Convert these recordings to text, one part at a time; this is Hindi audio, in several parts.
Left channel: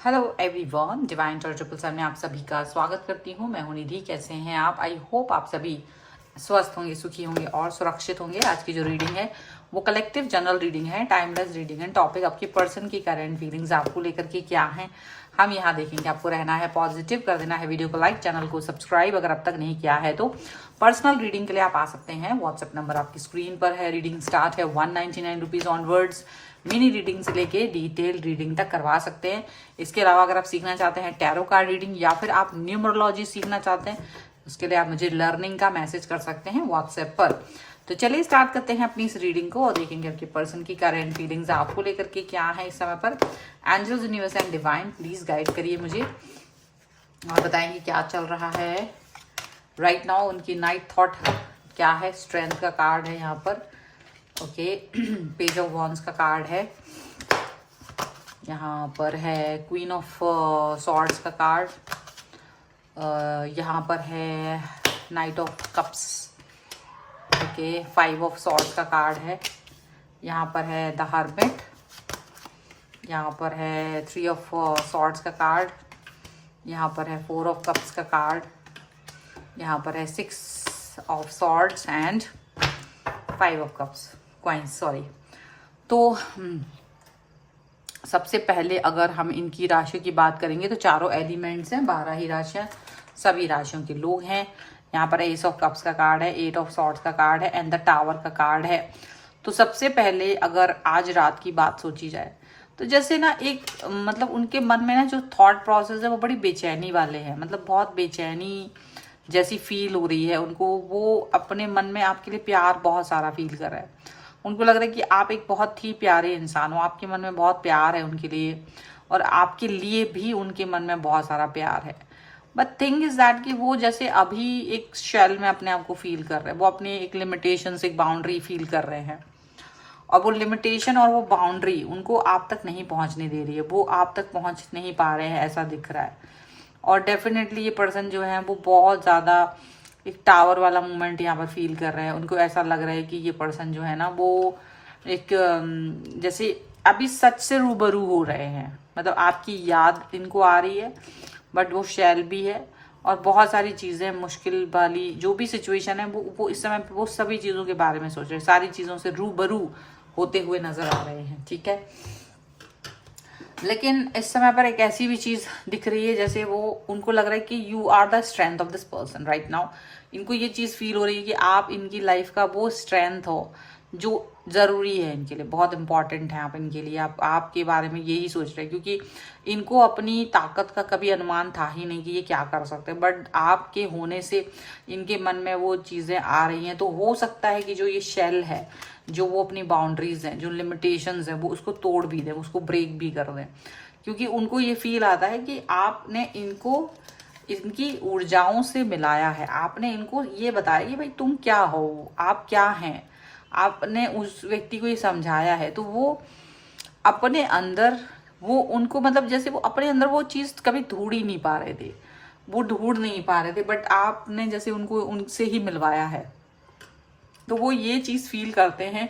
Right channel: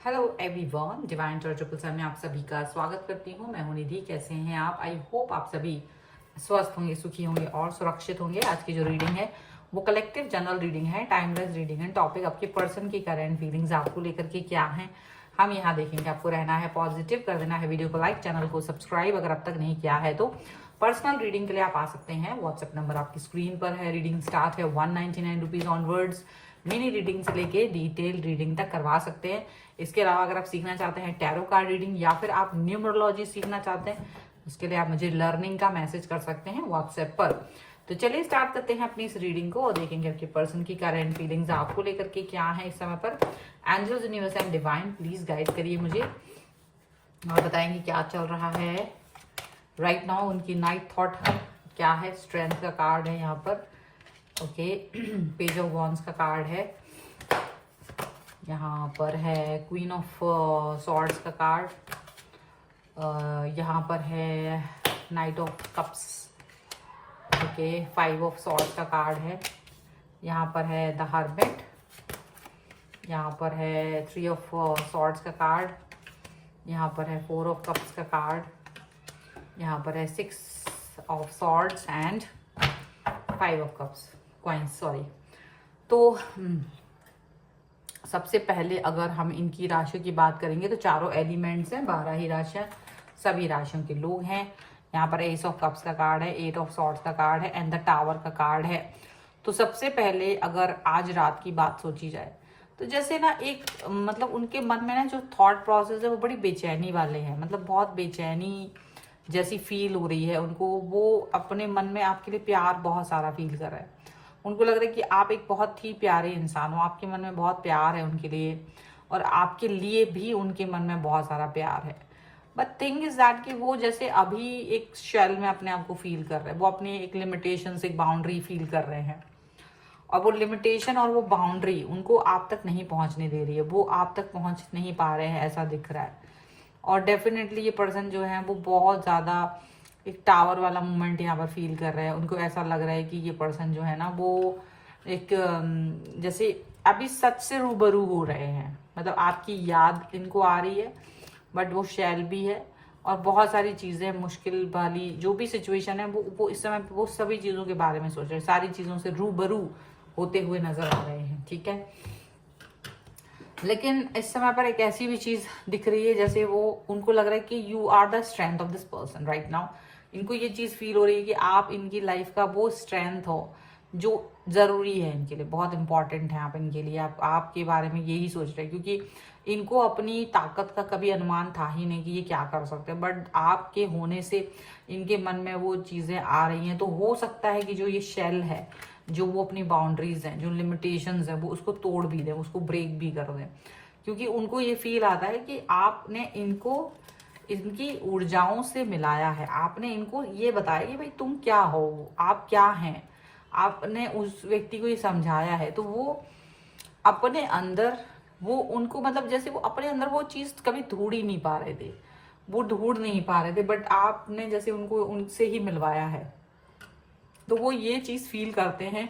हेलो एवरीवन, डिवाइन ट्रिपल में आप सभी का स्वागत करती हूँ। मैं हूँ निधि। कैसे हैं आप? आई होप आप सभी स्वस्थ होंगे, सुखी होंगे और सुरक्षित होंगे। आज की जो रीडिंग है वो कलेक्टिव जनरल रीडिंग है, टाइमलेस रीडिंग है। टॉपिक आपके पर्सन की करंट फीलिंग्स आपको लेकर के क्या है, हम यहाँ देखेंगे। आपको रहना है पॉजिटिव, कर देना है वीडियो को लाइक, चैनल को सब्सक्राइब अगर अब तक नहीं किया है तो। पर्सनल रीडिंग के लिए आप आ सकते हैं। व्हाट्सएप नंबर आपकी स्क्रीन पर है। रीडिंग स्टार्ट है 199 रुपीज ऑनवर्ड्स। मिनी रीडिंग से लेके डिटेल रीडिंग तक करवा सकते हैं। इसके अलावा अगर आप सीखना चाहते हैं टैरो कार्ड रीडिंग या फिर आप न्यूमरोलॉजी सीखना चाहते हैं, उसके लिए आप मुझे लर्निंग का मैसेज कर सकते हैं व्हाट्सएप पर। तो चलिए स्टार्ट करते हैं अपनी इस रीडिंग को और देखेंगे आपके पर्सन की करंट फीलिंग्स आपको लेकर के क्या है इस समय पर। Angels, universe and divine please guide करिए मुझे और बताएंगे क्या चल रहा है राइट नाउ। उनकी नाइट थॉट क्या है। स्ट्रेंथ का कार्ड है यहाँ पर। ओके पेज ऑफ वॉन्ड्स का कार्ड है। यहाँ पर है क्वीन ऑफ सॉर्ड्स का कार्ड। यहाँ पर है knight of cups. Okay 5 of swords का कार्ड है। यहाँ पर है द हर्मिट। यहाँ पर है 3 ऑफ सॉर्ड्स का कार्ड। यहाँ पर है 4 ऑफ कप्स का कार्ड। यहाँ पर है 6 of swords and 5 of cups coins, sorry. तो सबसे पहले अगर हम इनकी राशियों की बात करेंगे तो चारों एलिमेंट्स हैं, 12 ही राशियां, सभी राशियों के लोग हैं। यहाँ पर एस ऑफ कप्स का कार्ड है, 8 ऑफ सॉर्ड्स का कार्ड है एंड द टावर का कार्ड है। तो सबसे पहले अगर आज रात की बात सोची जाए तो जैसे ना एक मतलब उनके मन में ना जो थॉट प्रोसेस है वो बड़ी बेचैनी वाले हैं। मतलब बहुत बेचैनी जैसी फील हो रही है उनको। वो अपने मन में आपके लिए प्यार बहुत सारा फील कर रहा है। उनको लग रहा है कि आप एक बहुत ही प्यारे इंसान हो, आपके मन में बहुत प्यार है उनके लिए और आपके लिए भी उनके मन में बहुत सारा प्यार है। बट थिंग इज दैट कि वो जैसे अभी एक शेल में अपने आप को फील कर रहे हैं। वो अपने एक लिमिटेशन, एक बाउंड्री फील कर रहे हैं और वो लिमिटेशन और वो बाउंड्री उनको आप तक नहीं पहुंचने दे रही है। वो आप तक पहुंच नहीं पा रहे हैं, ऐसा दिख रहा है। और डेफिनेटली ये पर्सन जो है वो बहुत ज़्यादा एक टावर वाला मोमेंट यहाँ पर फील कर रहे हैं। उनको ऐसा लग रहा है कि ये पर्सन जो है ना वो एक जैसे अभी सच से रूबरू हो रहे हैं। मतलब आपकी याद इनको आ रही है बट वो शैल भी है और बहुत सारी चीज़ें मुश्किल वाली जो भी सिचुएशन है वो इस समय वो सभी चीज़ों के बारे में सोच रहे हैं। सारी चीज़ों से रूबरू होते हुए नजर आ रहे हैं, ठीक है। लेकिन इस समय पर एक ऐसी भी चीज दिख रही है जैसे वो उनको लग रहा है कि you are the strength of this person right now. इनको ये चीज फील हो रही है कि आप इनकी लाइफ का वो स्ट्रेंथ हो जो जरूरी है इनके लिए, बहुत इंपॉर्टेंट है आप इनके लिए। आप आपके बारे में यही सोच रहे हैं क्योंकि इनको अपनी ताकत का कभी अनुमान था ही नहीं कि ये क्या कर सकते हैं। बट आपके होने से इनके मन में वो चीजें आ रही हैं। तो हो सकता है कि जो ये शेल है, जो वो अपनी बाउंड्रीज हैं, जो लिमिटेशंस हैं, वो उसको तोड़ भी दें, उसको ब्रेक भी कर दें। क्योंकि उनको ये फील आता है कि आपने इनको इनकी ऊर्जाओं से मिलाया है। आपने इनको ये बताया कि भाई तुम क्या हो, आप क्या हैं। आपने उस व्यक्ति को ये समझाया है तो वो अपने अंदर वो उनको मतलब जैसे वो अपने अंदर वो चीज कभी ढूंढ ही नहीं पा रहे थे, वो ढूंढ नहीं पा रहे थे। बट आपने जैसे उनको उनसे ही मिलवाया है तो वो ये चीज फील करते हैं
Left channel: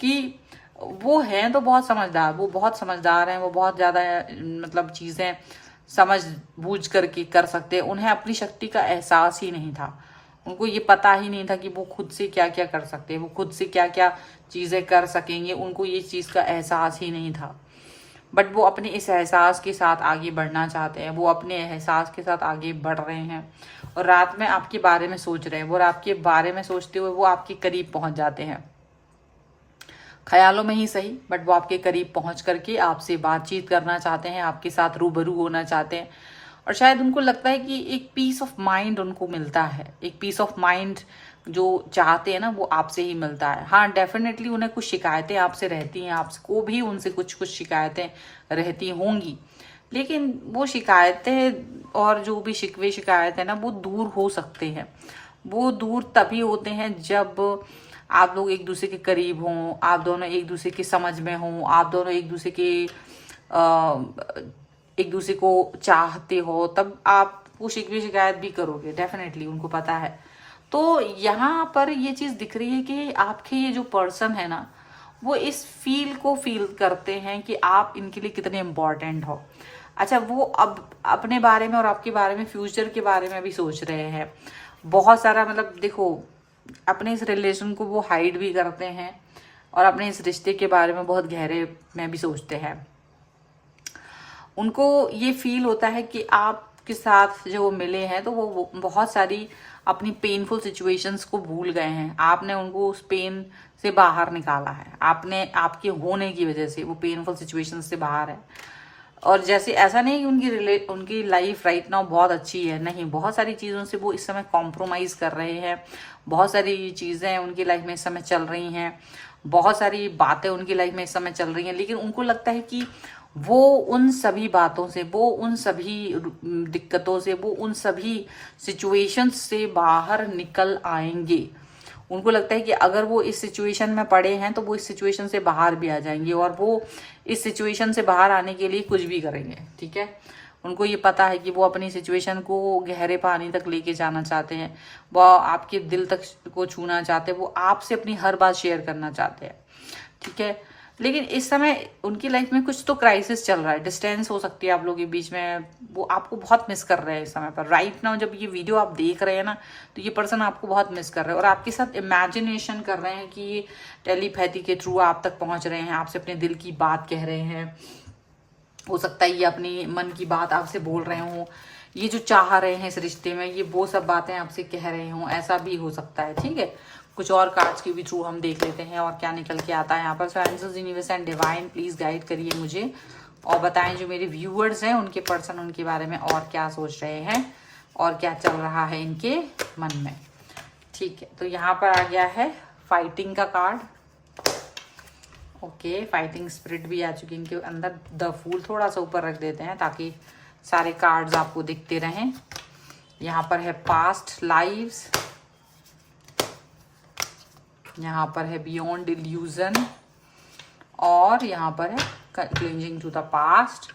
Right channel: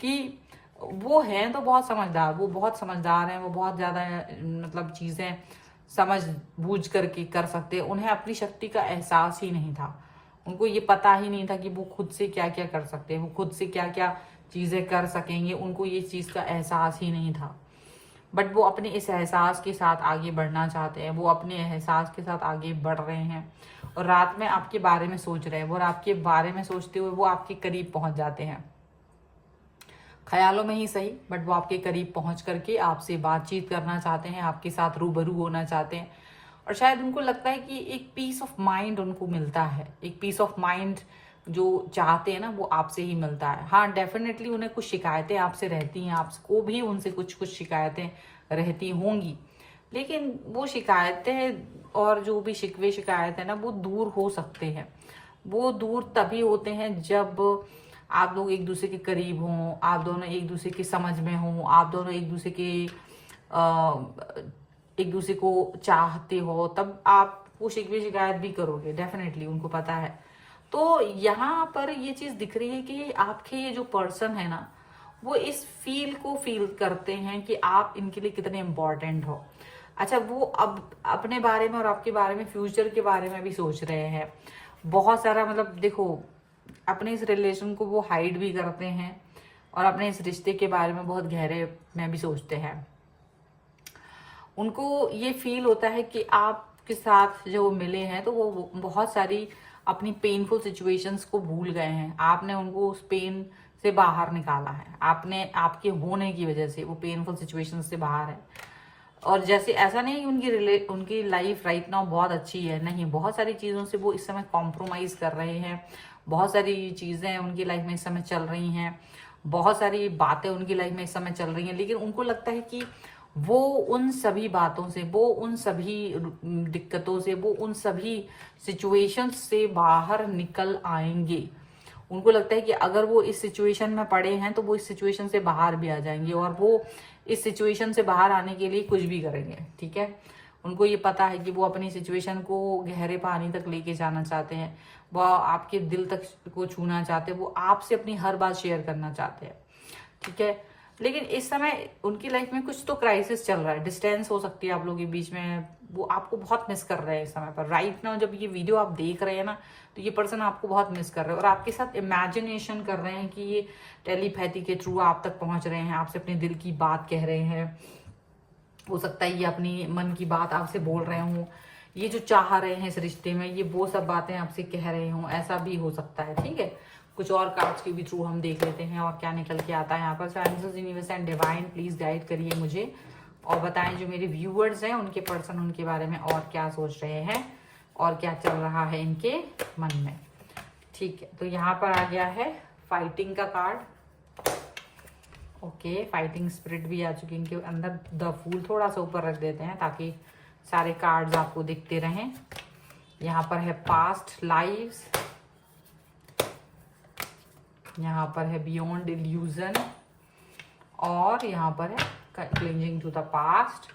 कि वो हैं तो बहुत समझदार, वो बहुत समझदार हैं, वो बहुत ज्यादा मतलब चीजें समझ बूझ करके कर सकते हैं। उन्हें अपनी शक्ति का एहसास ही नहीं था। उनको ये पता ही नहीं था कि वो खुद से क्या क्या कर सकते हैं, वो खुद से क्या क्या चीजें कर सकेंगे। उनको ये चीज का एहसास ही नहीं था। बट वो अपने इस एहसास के साथ आगे बढ़ना चाहते हैं। वो अपने एहसास के साथ आगे बढ़ रहे हैं और रात में आपके बारे में सोच रहे हैं। वो आपके बारे में सोचते हुए वो आपके करीब पहुंच जाते हैं, ख्यालों में ही सही, बट वो आपके करीब पहुंच करके आपसे बातचीत करना चाहते हैं, आपके साथ रूबरू होना चाहते हैं। और शायद उनको लगता है कि एक पीस ऑफ माइंड उनको मिलता है। एक पीस ऑफ माइंड जो चाहते हैं ना वो आपसे ही मिलता है। हाँ डेफिनेटली उन्हें कुछ शिकायतें आपसे रहती हैं, आपको भी उनसे कुछ कुछ शिकायतें रहती होंगी। लेकिन वो शिकायतें और जो भी शिकवे शिकायत है ना वो दूर हो सकते हैं। वो दूर तभी होते हैं जब आप लोग एक दूसरे के करीब हों, आप दोनों एक दूसरे के समझ में हों, आप दोनों एक दूसरे के एक दूसरे को चाहते हो, तब आप वो शिकवे शिकायत भी करोगे। डेफिनेटली उनको पता है। तो यहाँ पर ये चीज दिख रही है कि आपके ये जो पर्सन है ना वो इस फील को फील करते हैं कि आप इनके लिए कितने इम्पोर्टेंट हो। अच्छा, वो अब अपने बारे में और आपके बारे में, फ्यूचर के बारे में भी सोच रहे हैं बहुत सारा। मतलब देखो, अपने इस रिलेशन को वो हाइड भी करते हैं और अपने इस रिश्ते के बारे में बहुत गहरे में भी सोचते हैं। उनको ये फील होता है कि आपके साथ जो वो मिले हैं तो वो बहुत सारी अपनी पेनफुल सिचुएशंस को भूल गए हैं। आपने उनको उस पेन से बाहर निकाला है, आपने आपके होने की वजह से वो पेनफुल सिचुएशंस से बाहर है। और जैसे ऐसा नहीं कि उनकी लाइफ राइट नाउ बहुत अच्छी है, नहीं, बहुत सारी चीज़ों से वो इस समय कॉम्प्रोमाइज़ कर रहे हैं। बहुत सारी चीज़ें उनकी लाइफ में इस समय चल रही हैं, बहुत सारी बातें उनकी लाइफ में इस समय चल रही हैं, लेकिन उनको लगता है कि वो उन सभी बातों से, वो उन सभी दिक्कतों से, वो उन सभी सिचुएशंस से बाहर निकल आएंगे। उनको लगता है कि अगर वो इस सिचुएशन में पड़े हैं तो वो इस सिचुएशन से बाहर भी आ जाएंगे, और वो इस सिचुएशन से बाहर आने के लिए कुछ भी करेंगे। ठीक है, उनको ये पता है कि वो अपनी सिचुएशन को गहरे पानी तक लेके जाना चाहते हैं, वो आपके दिल तक को छूना चाहते हैं, वो आपसे अपनी हर बात शेयर करना चाहते हैं। ठीक है, लेकिन इस समय उनकी लाइफ में कुछ तो क्राइसिस चल रहा है, डिस्टेंस हो सकती है आप लोगों के बीच में। वो आपको बहुत मिस कर रहे हैं इस समय पर। राइट नाउ जब ये वीडियो आप देख रहे हैं ना, तो ये पर्सन आपको बहुत मिस कर रहे हैं और आपके साथ इमेजिनेशन कर रहे हैं कि ये टेलीपैथी के थ्रू आप तक पहुंच रहे हैं, आपसे अपने दिल की बात कह रहे हैं। हो सकता है ये अपनी मन की बात आपसे बोल रहे हों, ये जो चाह रहे हैं इस रिश्ते में, ये वो सब बातें आपसे कह रहे हों, ऐसा भी हो सकता है। ठीक है, कुछ और कार्ड्स के भी थ्रू हम देख लेते हैं और क्या निकल के आता है यहाँ पर। So angels, universe and divine, please guide करिए मुझे और बताएं जो मेरे व्यूअर्स हैं उनके पर्सन उनके बारे में और क्या सोच रहे हैं और क्या चल रहा है इनके मन में। ठीक है, तो यहाँ पर आ गया है फाइटिंग का कार्ड। ओके, फाइटिंग स्पिरिट भी आ चुकी है इनके अंदर। द फूल थोड़ा सा ऊपर रख देते हैं ताकि सारे कार्ड्स आपको दिखते रहें। यहाँ पर है पास्ट लाइव्स, यहाँ पर है बियॉन्ड इल्यूजन, और यहाँ पर है clinging to the past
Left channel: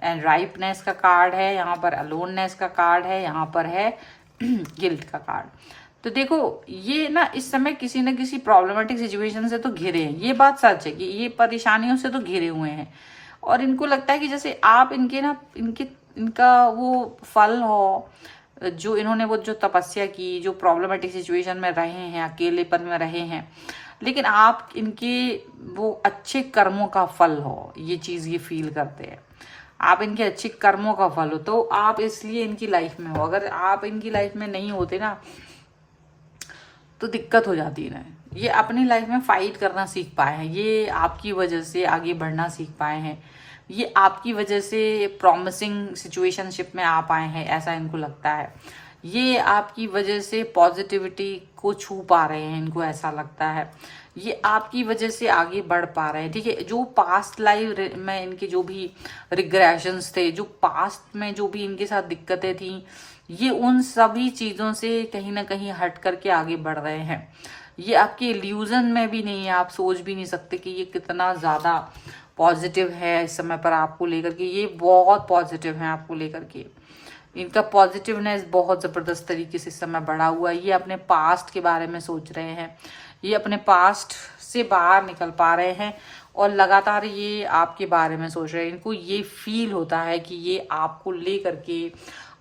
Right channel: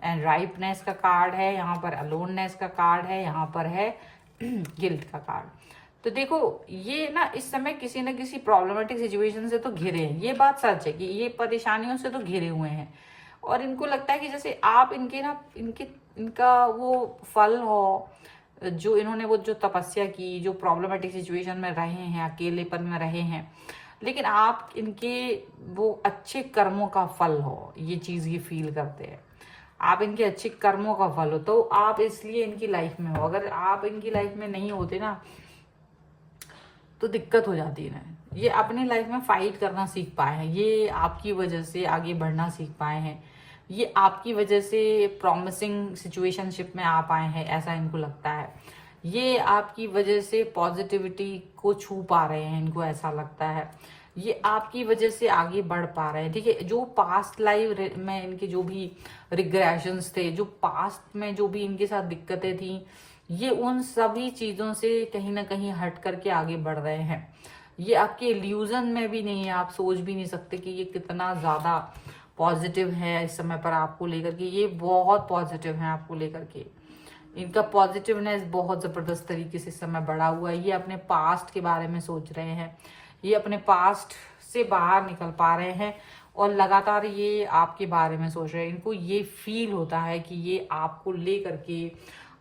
and ripeness का कार्ड है। यहाँ पर अलोननेस का कार्ड है, यहाँ पर है गिल्ट का कार्ड। तो देखो, ये ना इस समय किसी न किसी प्रॉब्लमेटिक सिचुएशन से तो घिरे हैं, ये बात सच है कि ये परेशानियों से तो घिरे हुए हैं। और इनको लगता है कि जैसे आप इनका वो फल हो, जो इन्होंने वो जो तपस्या की, जो प्रॉब्लमेटिक सिचुएशन में रहे हैं, अकेलेपन में रहे हैं, लेकिन आप इनके वो अच्छे कर्मों का फल हो, ये चीज़ ये फील करते हैं। आप इनके अच्छे कर्मों का फल हो, तो आप इसलिए इनकी लाइफ में हो। अगर आप इनकी लाइफ में नहीं होते ना तो दिक्कत हो जाती है ना। ये अपनी लाइफ में फाइट करना सीख पाए हैं, ये आपकी वजह से आगे बढ़ना सीख पाए हैं, ये आपकी वजह से प्रॉमिसिंग सिचुएशनशिप में आ पाए हैं, ऐसा इनको लगता है। ये आपकी वजह से पॉजिटिविटी को छू पा रहे हैं, इनको ऐसा लगता है। ये आपकी वजह से आगे बढ़ पा रहे हैं। ठीक है, जो पास्ट लाइफ में इनके जो भी रिग्रेशंस थे, जो पास्ट में जो भी इनके साथ दिक्कतें थी, ये उन सभी चीजों से कहीं ना कहीं हट करके आगे बढ़ रहे हैं। ये आपके इल्यूजन में भी नहीं है, आप सोच भी नहीं सकते कि ये कितना ज्यादा पॉजिटिव है इस समय पर आपको लेकर के। ये बहुत पॉजिटिव है आपको लेकर के, इनका पॉजिटिवनेस बहुत जबरदस्त तरीके से इस समय बढ़ा हुआ है। ये अपने पास्ट के बारे में सोच रहे हैं, ये अपने पास्ट से बाहर निकल पा रहे हैं और लगातार ये आपके बारे में सोच रहे हैं। इनको ये फील होता है कि ये आपको लेकर के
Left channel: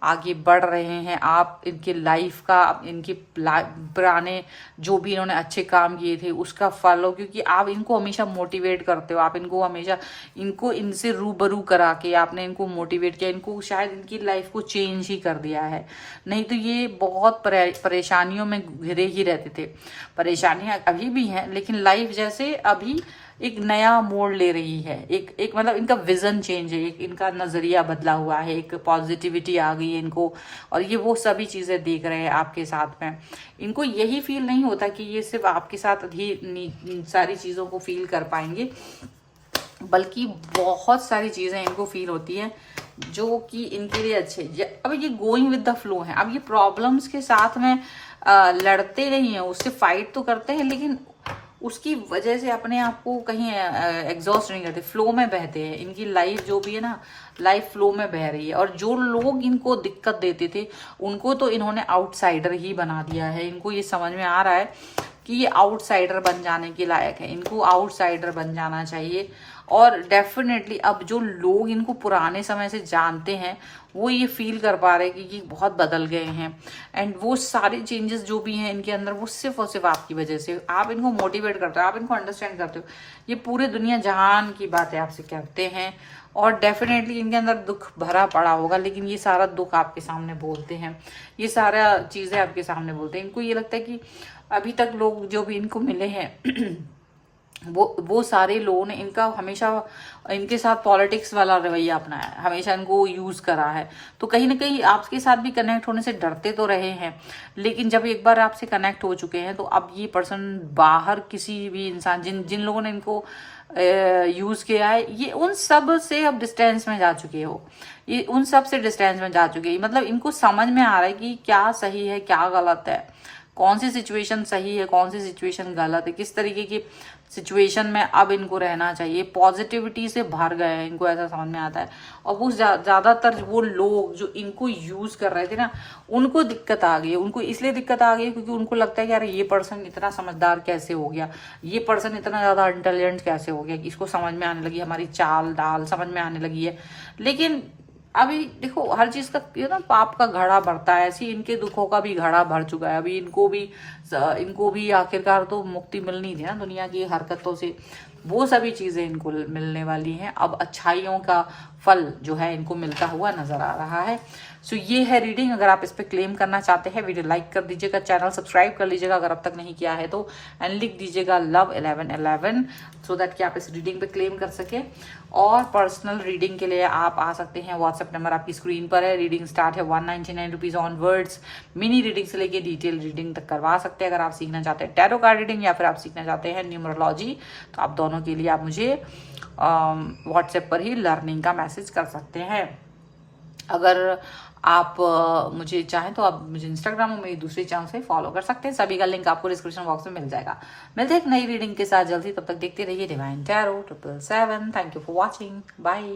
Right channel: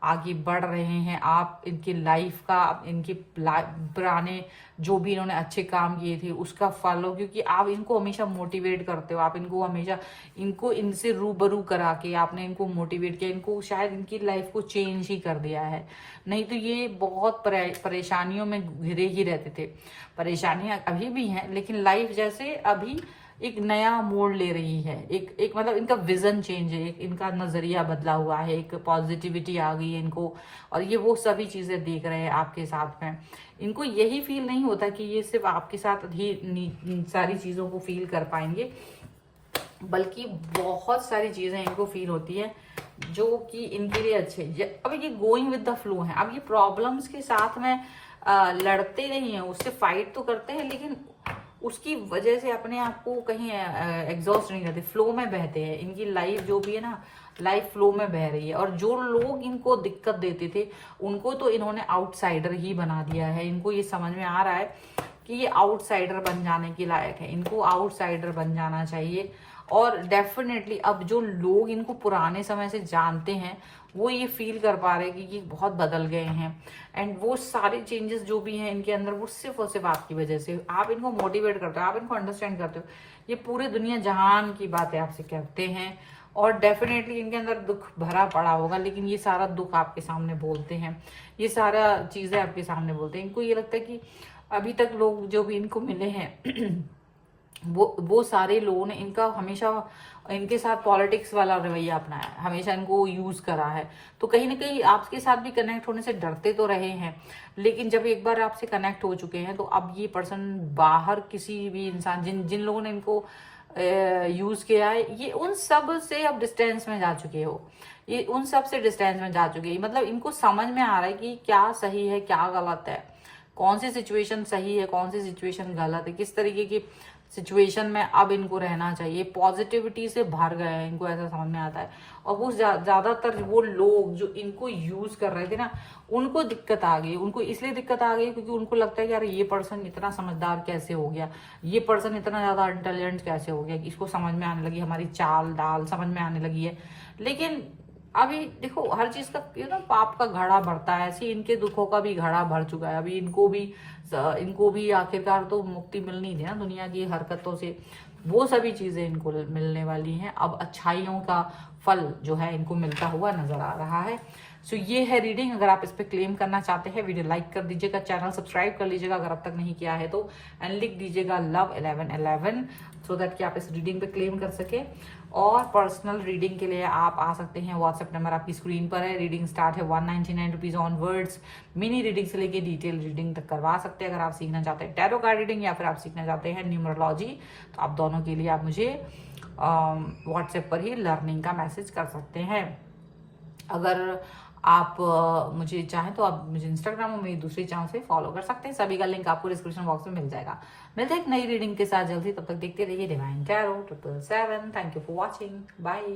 आगे बढ़ रहे हैं। आप इनके लाइफ का, इनके पुराने जो भी इन्होंने अच्छे काम किए थे उसका फल हो, क्योंकि आप इनको हमेशा मोटिवेट करते हो। आप इनको हमेशा इनसे रूबरू करा के आपने इनको मोटिवेट किया, इनको शायद इनकी लाइफ को चेंज ही कर दिया है। नहीं तो ये बहुत परेशानियों में घिरे ही रहते थे। परेशानियां अभी भी हैं, लेकिन लाइफ जैसे अभी एक नया मोड़ ले रही है। एक मतलब इनका विजन चेंज है, एक इनका नजरिया बदला हुआ है, एक पॉजिटिविटी आ गई है इनको, और ये वो सभी चीजें देख रहे हैं आपके साथ में। इनको यही फील नहीं होता कि ये सिर्फ आपके साथ ही सारी चीजों को फील कर पाएंगे, बल्कि बहुत सारी चीजें इनको फील होती है जो कि इनके लिए अच्छे। अब ये गोइंग विद द फ्लो है। अब ये प्रॉब्लम्स के साथ में लड़ते नहीं है, उससे फाइट तो करते हैं, लेकिन उसकी वजह से अपने आप को कहीं एग्जॉस्ट नहीं करते, फ्लो में बहते हैं। इनकी लाइफ जो भी है ना, लाइफ फ्लो में बह रही है। और जो लोग इनको दिक्कत देते थे उनको तो इन्होंने आउटसाइडर ही बना दिया है। इनको ये समझ में आ रहा है कि ये आउटसाइडर बन जाने के लायक है, इनको आउटसाइडर बन जाना चाहिए। और डेफिनेटली अब जो लोग इनको पुराने समय से जानते हैं वो ये फील कर पा रहे हैं कि ये बहुत बदल गए हैं, एंड वो सारे चेंजेस जो भी हैं इनके अंदर वो सिर्फ और सिर्फ आपकी वजह से। आप इनको मोटिवेट करते हो, आप इनको अंडरस्टैंड करते हो, ये पूरे दुनिया जहान की बातें आपसे कहते हैं, और डेफिनेटली इनके अंदर दुख भरा पड़ा होगा, लेकिन ये सारा दुख आपके सामने बोलते हैं, ये सारा चीजें आपके सामने बोलते हैं। इनको ये लगता है कि अभी तक लोग जो भी इनको मिले हैं वो सारे लोगों ने इनका हमेशा इनके साथ पॉलिटिक्स वाला रवैया अपनाया है, हमेशा इनको यूज करा है। तो कहीं ना कहीं आपके साथ भी कनेक्ट होने से डरते तो रहे हैं, लेकिन जब एक बार आपसे कनेक्ट हो चुके हैं तो अब ये पर्सन बाहर किसी भी इंसान जिन लोगों ने इनको यूज किया है, ये उन सब से अब डिस्टेंस में जा चुके हो, ये उन सब से डिस्टेंस में जा चुके हैं। मतलब इनको समझ में आ रहा है कि क्या सही है क्या गलत है, कौन सी सिचुएशन सही है कौन सी सिचुएशन गलत है, किस तरीके की सिचुएशन में अब इनको रहना चाहिए। पॉजिटिविटी से भर गए हैं, इनको ऐसा समझ में आता है। और वो ज्यादातर वो लोग जो इनको यूज कर रहे थे ना, उनको दिक्कत आ गई है। उनको इसलिए दिक्कत आ गई क्योंकि उनको लगता है कि यार ये पर्सन इतना समझदार कैसे हो गया, ये पर्सन इतना ज्यादा इंटेलिजेंट कैसे हो गया, कि इसको समझ में आने लगी, हमारी चाल डाल समझ में आने लगी है। लेकिन अभी देखो हर चीज का ये ना पाप का घड़ा भरता है, ऐसे इनके दुखों का भी घड़ा भर चुका है। अभी इनको भी आखिरकार तो मुक्ति मिलनी थी ना दुनिया की हरकतों से, वो सभी चीजें इनको मिलने वाली हैं। अब अच्छाइयों का फल जो है इनको मिलता हुआ नजर आ रहा है। सो ये है रीडिंग। अगर आप इस पे क्लेम करना चाहते हैं वीडियो लाइक कर दीजिएगा, चैनल सब्सक्राइब कर लीजिएगा अगर अब तक नहीं किया है तो, एंड लिख दीजिएगा लव 1111 सो दैट कि आप इस रीडिंग पे क्लेम कर सके। और पर्सनल रीडिंग के लिए आप आ सकते हैं, व्हाट्सएप नंबर आपकी स्क्रीन पर है। रीडिंग स्टार्ट है 199 रुपीज ऑनवर्ड्स। मिनी रीडिंग से लेके डिटेल रीडिंग तक करवा सकते हैं। अगर आप सीखना चाहते हैं टैरो कार्ड रीडिंग या फिर आप सीखना चाहते हैं न्यूमरोलॉजी, तो आप दोनों के लिए आप मुझे व्हाट्सएप पर ही लर्निंग का मैसेज कर सकते हैं। अगर आप मुझे चाहें तो आप मुझे इंस्टाग्राम और मेरी दूसरी चैनल से फॉलो कर सकते हैं, सभी का लिंक आपको डिस्क्रिप्शन बॉक्स में मिल जाएगा। मिलते हैं एक नई रीडिंग के साथ जल्दी, तब तक देखते रहिए divine tarot 777। Thank you for watching, bye.